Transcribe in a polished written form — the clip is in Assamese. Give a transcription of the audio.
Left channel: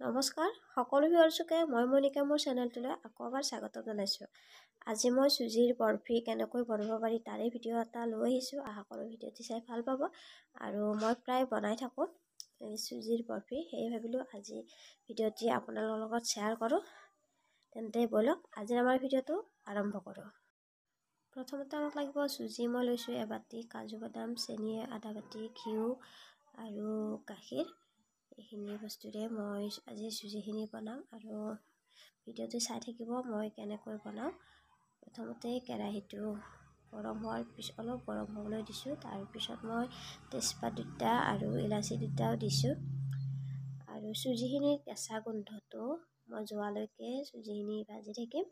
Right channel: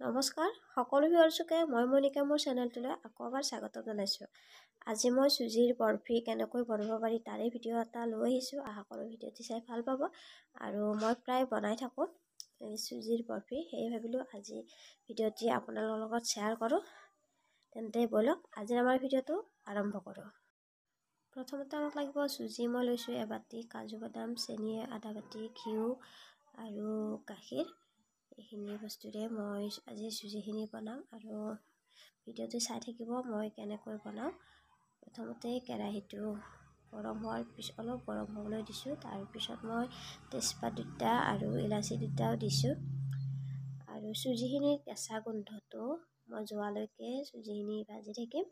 নমস্কাৰ সকলো ভিউৱাৰ্ছকে মই মনিকা মোৰ চেনেলটোলৈ আকৌ এবাৰ স্বাগতম জনাইছোঁ। আজি মই চুজিৰ বৰফি কেনেকৈ বনাব পাৰি তাৰে ভিডিঅ' এটা লৈ আহিছোঁ। আশা কৰোঁ ভিডিঅ'টি চাই ভাল পাব। আৰু মই প্ৰায় বনাই থাকোঁ এই চুজিৰ বৰফি, সেয়ে ভাবিলোঁ আজি ভিডিঅ'টি আপোনালোকৰ লগত শ্বেয়াৰ কৰোঁ। তেন্তে ব'লক আজি আমাৰ ভিডিঅ'টো আৰম্ভ কৰোঁ। প্ৰথমতে আমাক লাগিব চুজি। মই লৈছোঁ এবাটি, কাজু বাদাম, চেনি আধা বাটি, ঘিউ আৰু গাখীৰ। এইখিনি বস্তুৰে মই আজি চুজিখিনি বনাম আৰু ভিডিঅ'টো চাই থাকিব মই কেনেকৈ বনাওঁ। প্ৰথমতে কেৰাহীটো গৰম হোৱাৰ পিছত অলপ গৰম হ'বলৈ দিছোঁ। তাৰপিছত মই তেজপাত দুটা আৰু ইলাচি দুটাও দিছোঁ আৰু চুজিখিনিৰ কেঁচা গোন্ধটো মই যোৱালৈকে চুজিখিনি ভাজি থাকিম।